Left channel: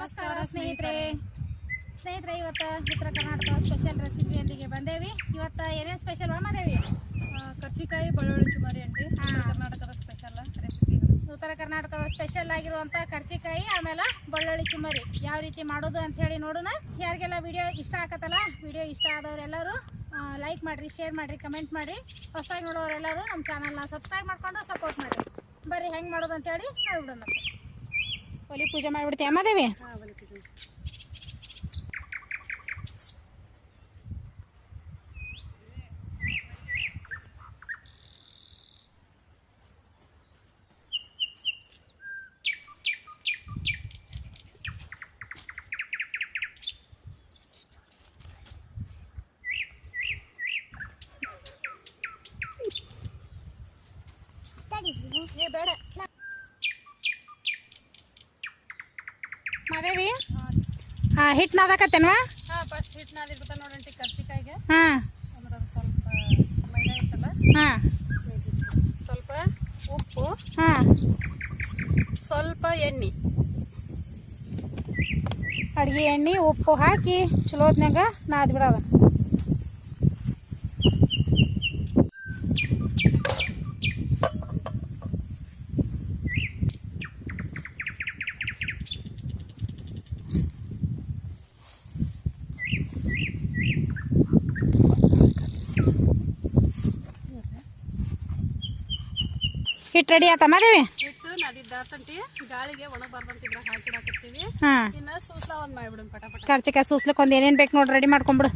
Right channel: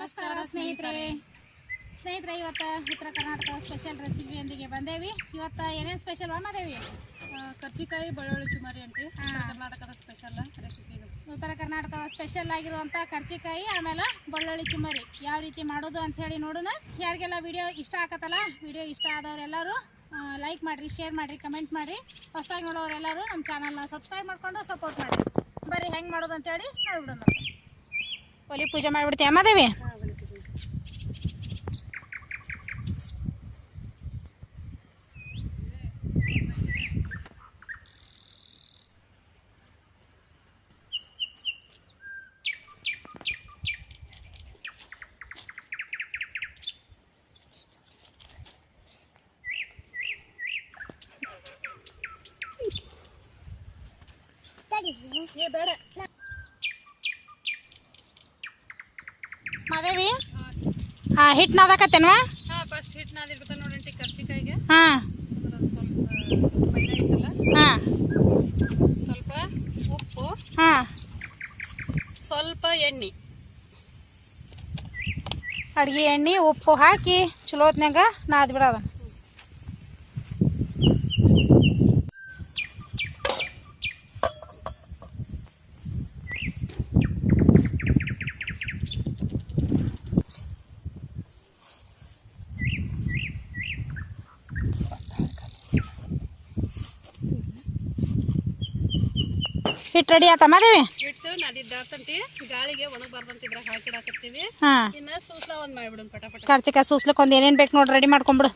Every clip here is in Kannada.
ನಮಸ್ಕಾರ ಸ್ನೇಹಿತರೆ. ಸ್ನೇಹಿತರೆ. ಇವತ್ತು ಉತ್ತರ ಕರ್ನಾಟಕ ಸ್ಪೆಷಲ್ ರೆಸಿಪಿಯೊಂದಿಗೆ ಬಂದೇವಿ. ಇವತ್ತು ಏನೇನು ಸ್ಪೆಷಲ್ ಮಾದೇವಿ ಕರ್ಚಿಕಾಯಿ ಬೆಳ್ಳುಳ್ಳಿ ಚುಮಾರಿ ಅಂಟಿ. ಉತ್ತರ ಕರ್ನಾಟಕದ ಸ್ಪೆಷಲ್ ರೆಸಿಪಿ ಉತ್ತರ ಕರ್ನಾಟಕದ ಸ್ಪೆಷಲ್ ಆಗಿರುವಂಥ ಕರ್ಚಿಕಾಯಿ ಆಮೇಲೆ ಬೆಳ್ಳುಳ್ಳಿ ಚುಮಾರಿ. ಯಾವ ರೀತಿ ಮಾಡೋದು ಅಂತ ಹೇಳಿ ನೋಡೋಣ. ಯಾರಿಗೆಲ್ಲ ವಿಡಿಯೋ ಇಷ್ಟ ಆಗತ್ತಲ್ಲ ವಿಡಿಯೋ ಇಷ್ಟ ಆದವರೆಲ್ಲರೂ ಲೈಕ್ ಮಾಡಿರಿ ಶೇರ್ ಮಾಡಿರಿ ಕಮೆಂಟ್ ಮಾಡಿರಿ. ಹೊಸದಾಗಿ ನೋಡೋರೆಲ್ಲರೂ ನಮ್ಮ ಚಾನಲ್ನ ಸಬ್ಸ್ಕ್ರೈಬ್ ಮಾಡ್ಕೊಂಡು ಸಪೋರ್ಟ್ ಮಾಡಿರಿ. ಬರ್ರಿ ಹೆಂಗೆ ಮಾಡೋದು ಅಂತೇಳಿ ನೋಡ್ಬಿಡೋಣ ಒಲಿ ಪೂಜೆ ಮಾಡಿಬಿಡ್ತೀವಿ ಅಮ್ಮದೇವಿ ಏ ಬೇಡ ಹಿಟ್ಟು ನಾದಾಕತ್ತೇನ್ವಾ ಹಾಂ ಫಸ್ಟ್ ಹಿಟ್ಟು ನಾದಿಡ್ಬೇಕು ನೋಡಿ ಅಂಟಿ ಕರ್ಚಿಕಾಯಿಗೆ ಹಾಂ. ಸ್ವಲ್ಪ ಮೈದಾ ಐತಲ್ಲ? ಹಾಂ. ಸ್ವಲ್ಪ ಉಪ್ಪು ಹಾಂ. ಸ್ವಲ್ಪ ಎಣ್ಣೆ. ಅಡ್ಗೆ ಎಣ್ಣೆ ಉಪ್ಪು ಹಾಕಿ ಚಲೋ ಹೊತ್ನ್ಯಾಗ ನಾದ್ ಹಿಟ್ಟು ರೆಡಿ ಆತ ಮಾದೇವಿ? ಹಿಟ್ಟು ಸೂಸ್ಲಕ್ ಗಾಳಿಗೆ ಏನೇನ್ ಇದ್ರಾಗ ಹಾಕಿಡಾಕತ್ತೀವಿ ಹಾಂ. ಇನ್ನು ಸೂಸ್ಲ ಒಂದು ಮಾಡಿಬಿಡೋಣ ಪಟ ಪಟ. ಕರ್ಚಿಕಾಯಿ ಸೂಸ್ಲಿಕ್ಕೆ ಒಂದು ಏನೇನು ಬೇಕು ನೋಡಿ ರೆಡಿ ಮಾಡ್ಕೊಂಬಿಡು.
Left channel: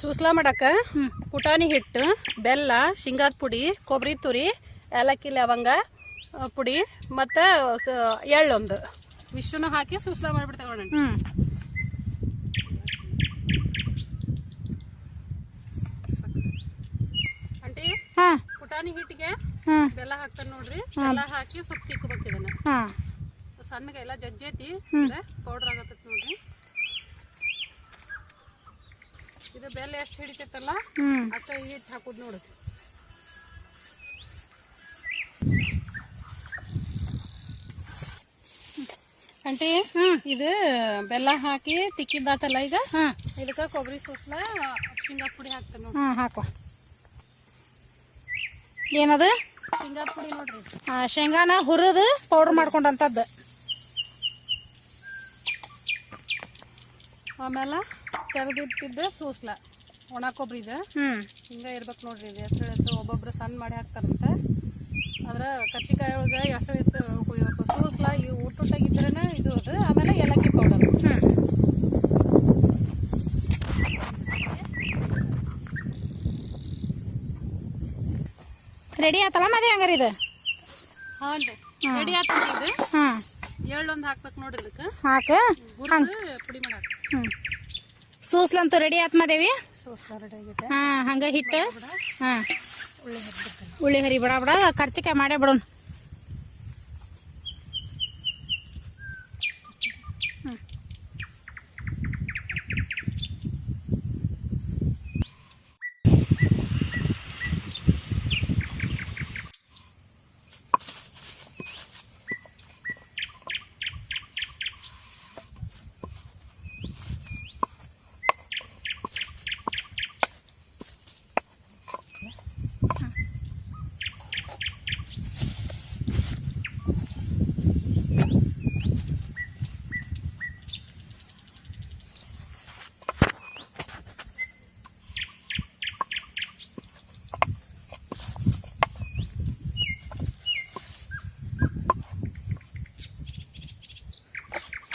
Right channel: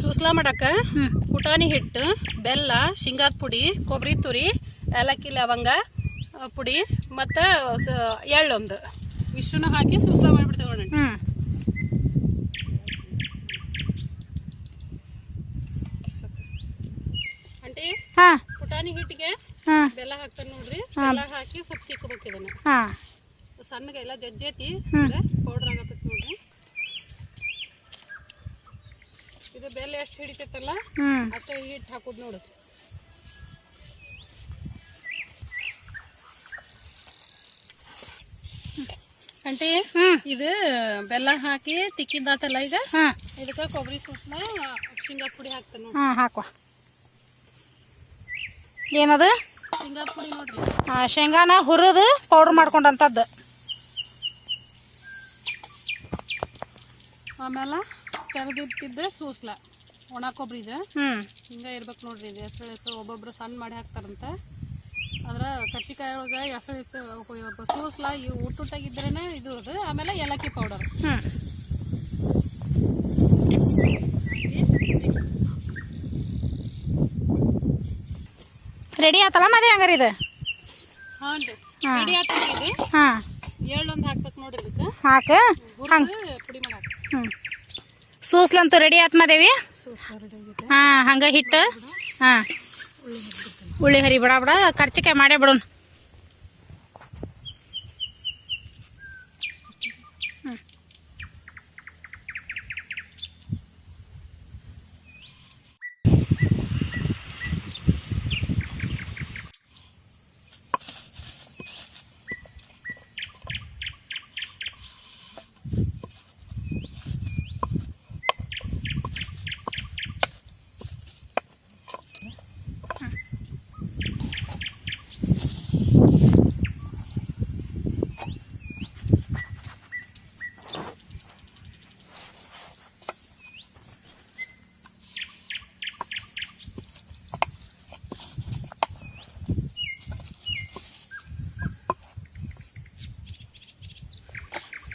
ಸೂಸ್ಲ ಮಾಡಕ್ಕೆ ಪುಟಾಣಿ ಹಿಟ್ಟು ಬೆಲ್ಲ ಶೇಂಗಾದ ಪುಡಿ ಕೊಬ್ಬರಿ ತುರಿ ಏಲಕ್ಕಿ ಲವಂಗ ಪುಡಿ ಮತ್ತು ಎಳ್ಳೊಂದು. ಇಷ್ಟನ್ನು ಹಾಕಿ ಸುಸ್ತ ಮಾಡಿಬಿಡ್ತೇವೆ ನೋಡಿ ಹ್ಞೂ ಅಂಟಿ ಹಾಂ. ಪುಟಾಣಿ ಹಿಟ್ಟಿಗೆ ಬೆಲ್ಲ ಹಾಕ್ತಾರೆ ನೋಡ್ರಿ. ಬೆಲ್ಲ ಹಾಕಿ ಸ್ವಲ್ಪ ತಿಕ್ಕಬೇಕು ಇದನ್ನ. ಹಾಂ. ಸಣ್ಣಗೆ ಎಲ್ಲ ಜಜ್ಜೈತಿ. ಪೌಡ್ರ್ ಆಗತ್ತೆ ನೋಡ್ರಿ. ಇದು ಬೆಲ್ಲ ಎಷ್ಟು ಹಿಡಿತೈತಲ್ಲ ಅಷ್ಟೇ ಅಷ್ಟ ಹಿಟ್ಟು ಹಾಕೋದು ನೋಡು. ಆಂಟಿ ಹ್ಞೂ ಇದು ಬೆಲ್ಲ ಹಾಕಿ ತಿಕ್ಕಿದ್ದಾತಲ್ಲ ಈಗ? ಇದಕ್ಕ ಕೊಬ್ಬರಿ ಸೂಸ್ಲ ಶೇಂಗಾ ಪುಡಿ ಹಾಕ್ತೇನೆ ಹಾ ಹಾಕುವ. ಏನದು? ಶೇಂಗಾ ಪುಡಿ ನೋಡ್ರಿ. ಆ, ಶೇಂಗಾನ ಹುರಿದು ಪೌಡರ್ ಮಾಡ್ಕೊಂಡಂತದ್ದು. ಆಮೇಲೆ ತೆಗೆದಿಟ್ಟಿದ್ದ ಸೂಸ್ಲ ಒಣ ಕೊಬ್ಬರಿ ಇದು ಹಿಂಗೆ ಇರ್ಬೇಕು ನೋಡ್ರಿ ಇದು ಹೆಸರು ಹೆಸರು ಒಬ್ಬೊಬ್ರು ಸಣ್ಣ ಮಾಡಿ ಹಾಕ್ತಾರಂತೆ. ಅಂದ್ರೆ ಕಚ್ಚಿಕಾಯಿ ಒಳಗೆ ಹೆಸರು ಹೆಸರು ಸೂಸ್ಲ ಈ ಊಟೂಟಾಗಿದ್ರೇ ಇದು ಅದು. ಆಮೇಲೆ ಏಲಕ್ಕಿ ಪೌಡರ್ ಹ್ಞೂ ರೆಡಿ ಆತಲ್ಲ ಮದಿ ಹಂಗಾರೆ ಇದು? ಹಾಂ ರೆಡಿ ಆಗ್ತದೆ ಇದು? ಹಾಂ. ಎಳ್ಳೊಂದು ಹಾಕ್ಬೇಕು ನೋಡ್ರಿ ಇದಕ್ಕೆ. ಹಾಕ? ಹುರಿದು ಪುಡಿ ಮಾಡಾಕ. ಹ್ಞೂ ಸೂಸ್ಲಂತೂ ರೆಡಿ ಆತ್ ಮದೇವಿ? ಹಾ ಹಂಗ ಹಂಗೆ ಹಿಟ್ಟು? ಹಾಂ. ಉಳ್ಳಿ ಹರಿ ಬಿಡ ಬಿಡ. ಖರ್ಚಿಕೆ ಮಾಡೇ ಬಿಡೋಣ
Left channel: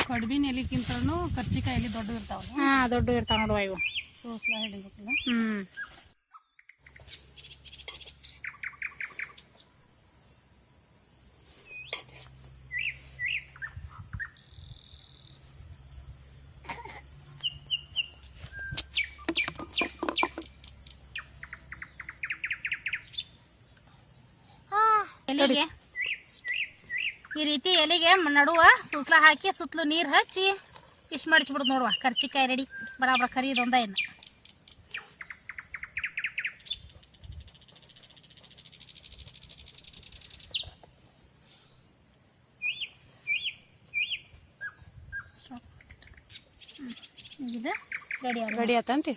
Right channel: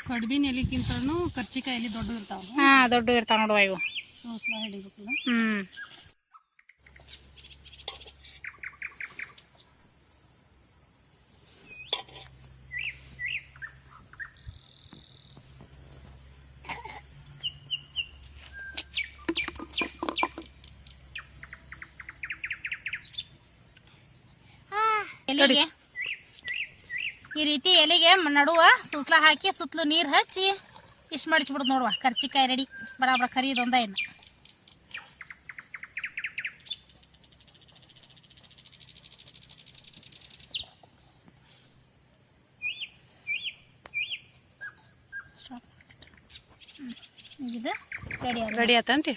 ಕಡ್ಬಿನ ಎಲಿಕ್ಕಿಂತನೂ ಕರ್ಚಿಕಾಯಿ ಎಲೆ ದೊಡ್ಡ ಇರ್ತಾವ ಹಾಂ ದೊಡ್ಡ ಇರ್ತಾವ ನೋಡುವ ಇವು ಸೂಸ್ಲ ಹಿಡಿಬೇಕಲ್ಲ ಹ್ಞೂ ಎಲೆಗೆ ಈ ರೀತಿ ಎಲೆಗೆ ನಡುವ ಸುಸ್ಲ ಹಾಕಿ ಸುತ್ತಲೂ ನೀರು ಹಚ್ಚಿ ಇಷ್ಟು ಮಡಿಚ್ಬಿಡ್ದು ನೋಡುವ. ಕರ್ಚಿಕಾಯಿ ರೆಡಿ. ಬರಾಬರ ಖರೀದೊಂದ ಇನ್ನು. ಇದು ರೆಡಿ ಆಗ ರೆಡಿ ಆತನ್ರಿ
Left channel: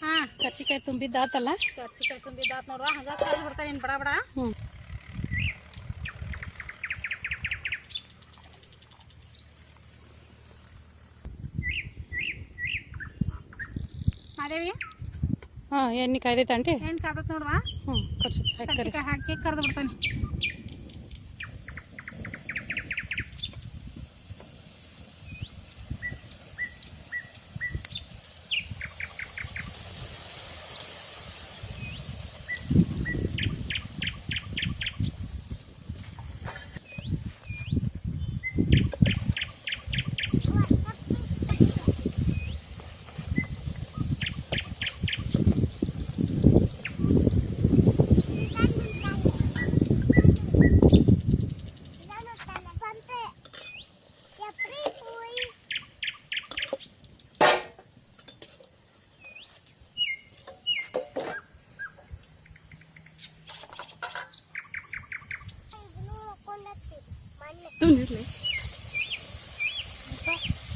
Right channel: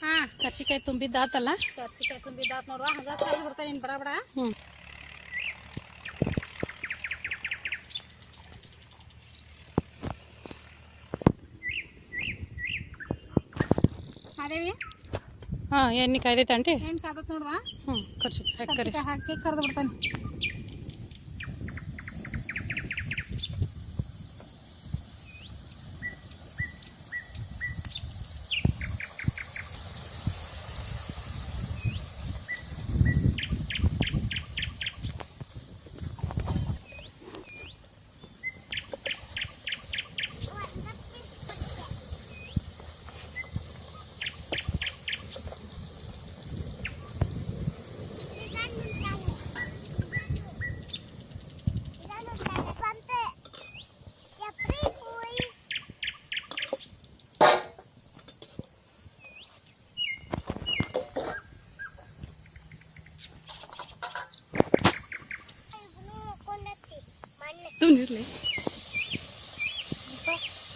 ಹಾಂ. ಕರ್ಚಿಕಾಯಿ ತುಂಬಿದ್ದಾತಲ್ಲ ಕರ್ಚಿಕಾಯಿ ತುಂಬಿದ್ದಾತ್ ನೋಡುವ ಹಂಗ ಕರ್ದು ಬಿಡ್ತಾರೆ ಇನ್ನು ಬಡ ಬಡ. ಹ್ಞೂ ಮಾದೇವಿ ಹಾಂ ಎಣ್ಣೆ ಕಾಯ್ದೈತೆ ಆಂಟಿ? ಏನು ಕಾದತ್ ನೋಡುವ? ಹ್ಞೂ ಕರ್ಚಿಕಾಯಿ ಕರಿ. ಕರ್ಚಿಕಾಯಿ ಹಾಕಿ ಕರೆದು ಬಿಡ್ತಾನೆ.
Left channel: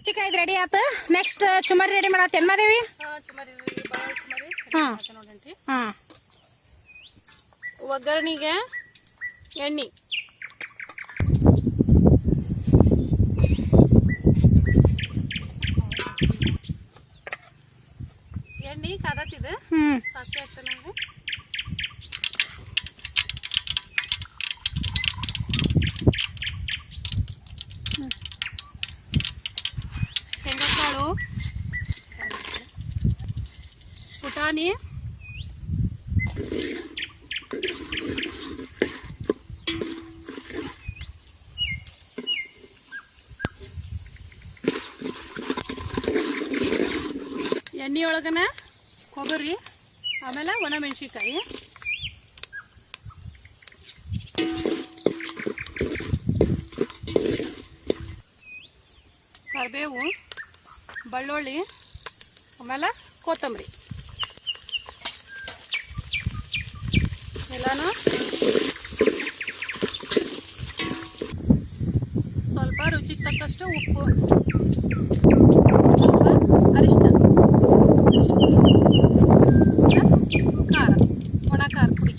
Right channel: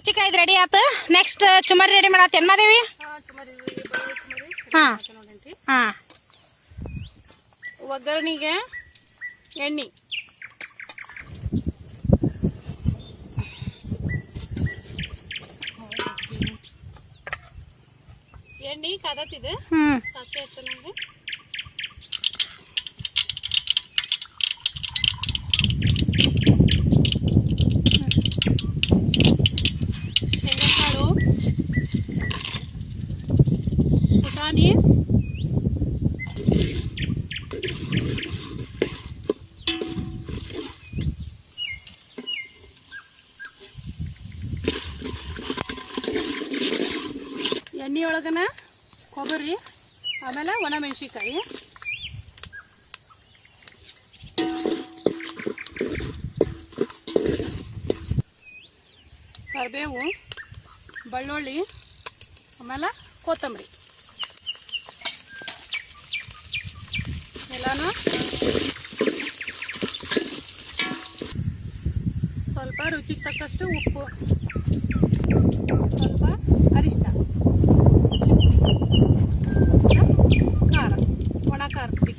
ಕರ್ಚಿಕಾಯ್ದು ರೆಡಿ ಆತು? ನೆಕ್ಸ್ಟ್ ಚುಮರಿ ರೆಡಿ ಮಾದೇವಿ ಹಾಂ ಸುಮಾರಿ ಹಾಂ. ನೋಡಂಟಿ ಹಾಂ. ಒಗ್ಗರಣೆಗೆ ಎಣ್ಣೆ. ಎಣ್ಣೆ ಕಾದತ್ತಿದೆ. ಹ್ಞೂ ಸಾಸಿವೆ ಹಾಕ್ತಾನೆ ನನಗೆ ಶೇಂಗಾಕಾಳು ಪುಟಾಣಿ ಎಣ್ಣೆ ಒಳಗನ ಕೊಬ್ಬರಿ, ಆಮೇಲೆ ಒಣ ಮೆಣಸಿನ್ಕಾಯಿ ಕರಿಬೇವು, ಬೆಳ್ಳುಳ್ಳಿ, ಆಮೇಲೆ ಕೊತ್ತಂಬರಿ. ಎಲ್ಲನೂ ಸ್ವಲ್ಪ ರುಚಿಗೆ ತಕ್ಕಷ್ಟು ಉಪ್ಪು ಸ್ವಲ್ಪ ಅರಿಶಿನ ಖಾರ ಒಣ ಖಾರ ಪುಡಿ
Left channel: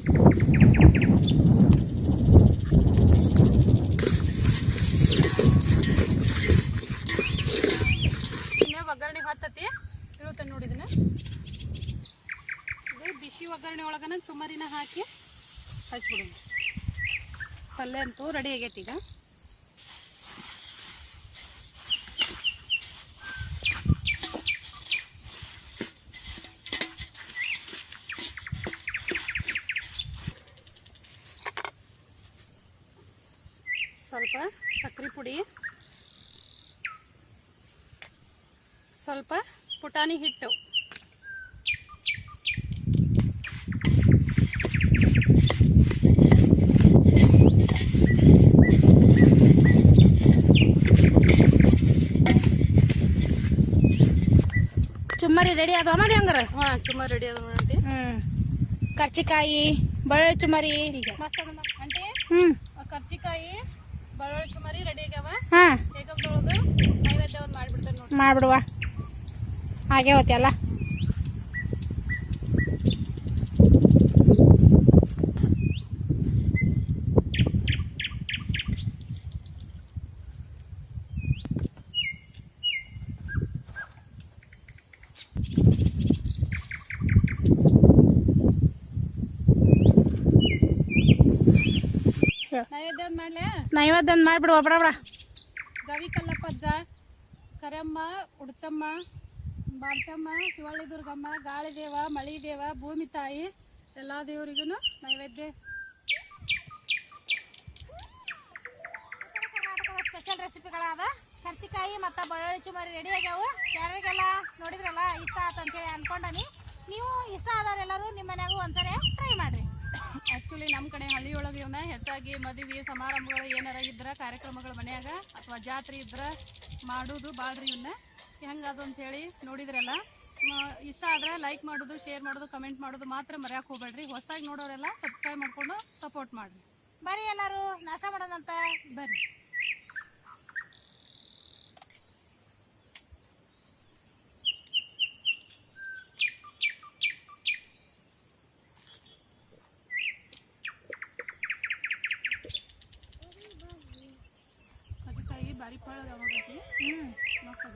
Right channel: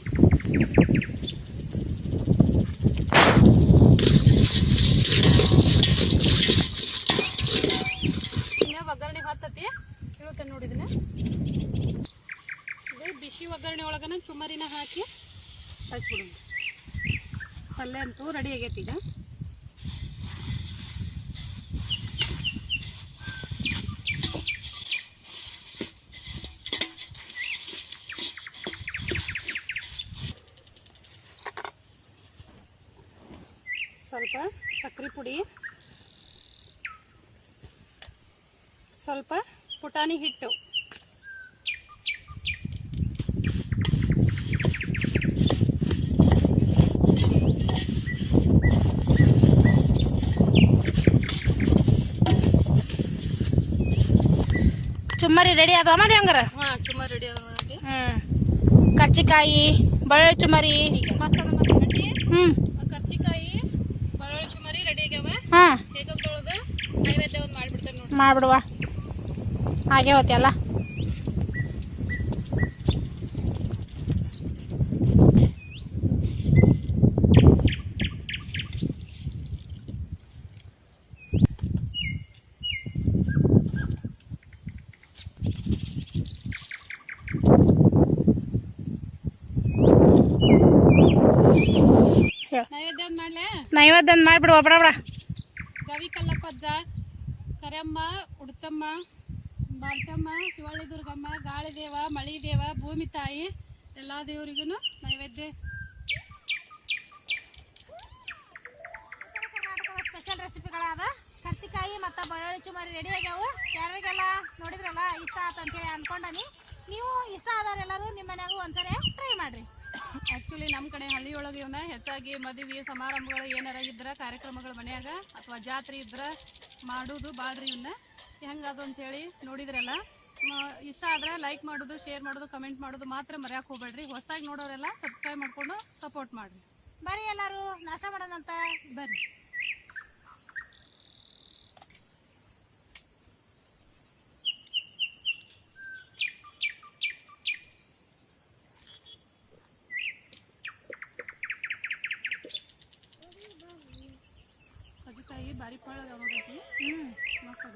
ಇನ್ನು ಒಗ್ಗರಣೆ ಹತ್ತತಿ ಇಳುತ್ತೆ ನೋಡಿ ಇದನ್ನ ಇದು ಬಿಸಿ ಒಗ್ಗರಣೆ ಒಳಗನ ಚುಮ್ಮರಿನ ಹಾಕಿ ಹಚ್ಬಿಡೋಣ ಪಲ್ಯ ಅಂತೂ ರೆಡಿ ಆಗೈತಿ ಈಗ. ಸ್ವಲ್ಪ ಸಕ್ಕರೆ ಪುಡಿ. ಸ್ವಲ್ಪ ಪುಟಾಣಿ ಹಿಟ್ಟು. ಚುಮ್ಮರಿ ರೆಡಿ ಅದಾವ ಮಾಡಿ ಹಂಗಾರ? ಹಾಂ ರೆಡಿ ಅದ ನೋಡಿ ಹ್ಮ್. ಕರ್ಚಿಕಾಯಿ ಬೆಳ್ಳುಳ್ಳಿ ಚುಮರಿ ಮಸ್ತ್ ಅದ ಮಸ್ತ್ ಕರ್ಚಿಕಾಯಿ ಬೆಳ್ಳುಳ್ಳಿ ಚುಮರಿ ರೆಡಿ ಆಗ್ಯಾವ. ಹಾಂ. ಹೇಗಲ್ ತೊಳೆದು ನೈವೇದ್ಯ ಒಂದು ಮಾಡಿಬಿಡ್ತೇವೆ ನೋಡಿ ಮಾಡ್ಬಿಡುವ. ಹಾಗೆ ಹೋತಿ ನೈವೇದ್ಯ ಮಾಡ್ಬಿಡು ಮಾಡಲೇ? ನೈವೇದ್ಯ ಮಾಡ್ಬಿಡುವ ಬಡ ಬಡ ಗವಿ ಕಲ್ಲಪ್ಪಜ್ಜ ಕರೆಯಮ್ಮ ಉಡ್ತಮ್ಮ ಬಾಲ್ಕಮ್ಮ ಶಿವಳ್ಳಿ ದುರ್ಗಮ್ಮ ಗಾಳಿ ದೇವ ಮಳಿ ದೇವ ಭೂಮಿ ತಾಯಿ ಎಲ್ಲ ದೇವರಿಗೂ ನೈವೇದ್ಯ. ಸ್ಪೆಷಲ್ ರೆಸಿಪಿಗಳಾದ ಕರ್ಚಿಕಾಯಿ ಮತ್ತು ಬೆಳ್ಳುಳ್ಳಿ ಚುಮಾರಿ ರೆಡಿ ಆಗ್ಯಾವು. ಯಾರಿಗೆಲ್ಲ ನೋಡಿದ್ರಲ್ಲ ಇಷ್ಟ ಆತ ಅಂತೇಳಿ ಅನ್ಕೊಂಡನಿ. ನೀವು ಇಷ್ಟ ಆದವರೆಲ್ಲರೂ ನಿಮ್ಮ ಮನೆಯಾಗೂ ಒಂದ್ಸರಿ ಹಳ್ಳಿಯೊಳಗೆ ಇವನ್ನ ಹೆಚ್ಚಾಗಿ ಮದುವೆ ಸಮಾರಂಭಗಳು ಏನಾರ ಇದ್ರೆ ಕಾರ್ಯಕ್ರಮಗಳು ಮನೆಯಾಗ ಅಥವಾ ಜಾತ್ರೆ ಇದ್ರೆ ಮಾಡೋದು ಬಾಳ್ರಿ ಇವನ್ನ ಹೆಂಗದು ಅಂತೇಳಿ ನೋಡಿದ್ರಲ್ಲ. ಇಷ್ಟ ಆದ್ರೆ ಲೈಕ್ ಮಾಡೋದು ಶೇರ್ ಮಾಡೋದು ಕಮೆಂಟ್ ಮಾಡೋದು ಮಾತ್ರ ಮರ್ಯಾಕೆ ಹೋಗ್ಬೇಡ್ರಿ. ಹೊಸದಾಗಿ ನೋಡೋರೆಲ್ಲ ಸಬ್ಸ್ಕ್ರೈಬ್ ಮಾಡ್ಕೊಂಡು ಸಪೋರ್ಟ್ ಮಾಡಿರಿ. ಬರ್ರಿ ಎಲ್ಲರೂ ನಾಷ್ಟ ಮಾಡೋಣಂತ. ಬರ್ರಿ.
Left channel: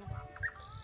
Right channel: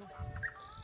Thank you.